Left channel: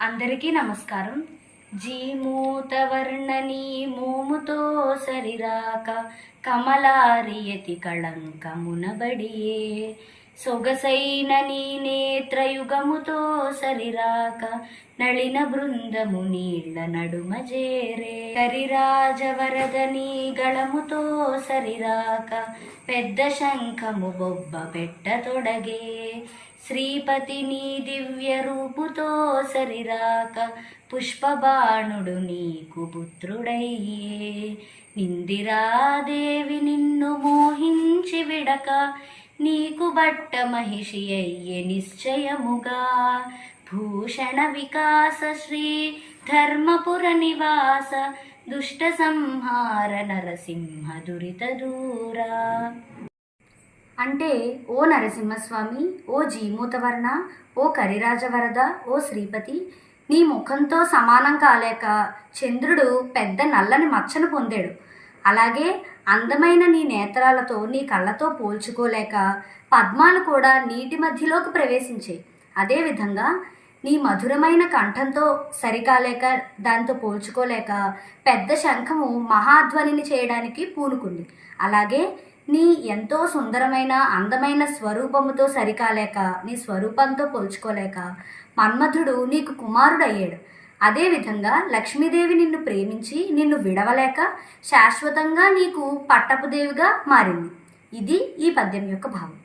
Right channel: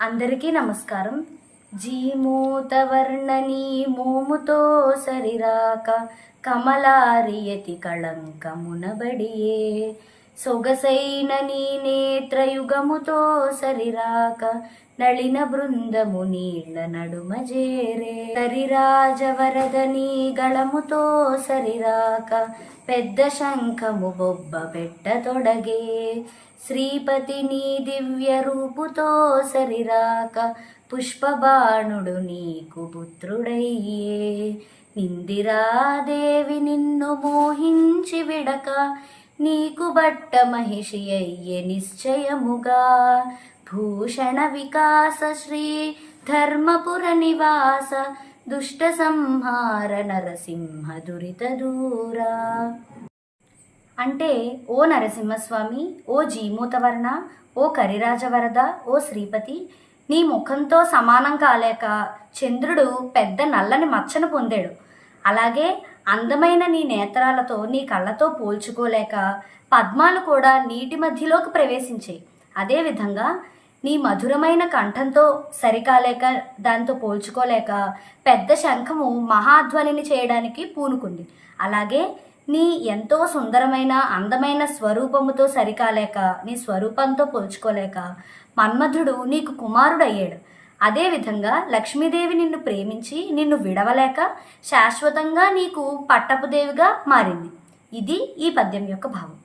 అందరికీ నమస్కారం. జీమూతవర్ణనీ మోముతో సరిరాక కమలారియతి కళంకమునబడియే. సొగసైన నీ నేత్రయుగముతో సరిరాక నళిన బృందము నీళ్ళ నడుమ జేరే కరిరాజవరద నీ గళముతో సరిరాక పెద్ద శంఖము బొబ్బ పెట్టతొడగే శ్రీపతి నీ దివ్య రూపుతో సరిరాక పుష్పబాణుడు నీకు పుత్రుడయ్యే. ఇందిరాదేవి నిన్ను మోహించి విడక నీకు బట్ట మహిషి అయ్యే నిశ్చయముగా. భూషణ వికాస శ్రీ ధర్మపుర నివాస దుష్ట సంహార నరసింహ దురిత దూరా. అంటే ఓ నరసింహస్వామి ఓ జీమూతవర్ణ ఓ కరిరాజవరద ఓ శ్రీపతి నీ ముఖంతో సమానం కాలేక చంద్రుడు పెద్ద నల్లని మచ్చను పొందాడు. అలాగే అందమైన నీ నేత్రాలతో నీ కళ్ళతో పోల్చుకోలేక పద్మాలు కూడా నీటి మధ్యలోకి ప్రవేశించాయి అదేవిధంగా నీ మధురమైన కంఠంతో సరికాలేక దాంతో పోల్చుకోలేక పెద్ద శంఖము మహాధ్వనిని చేయడానికి పూనుకుంది. అలాగే నీ ఎంతో సుందరమైన అందమైన స్వరూపముతో సరికాలేక నీ స్వరూపంతో పోల్చుకోలేక మన్మధుడు నీకు కుమారుడయ్యాడు. అదేవిధంగా లక్ష్మీదేవి నిన్ను ప్రేమించి నిన్ను విడవలేక శాశ్వతంగా నీకు పట్టపుదేవిగా మారింది. ఇది ఈ పద్యం యొక్క భావం.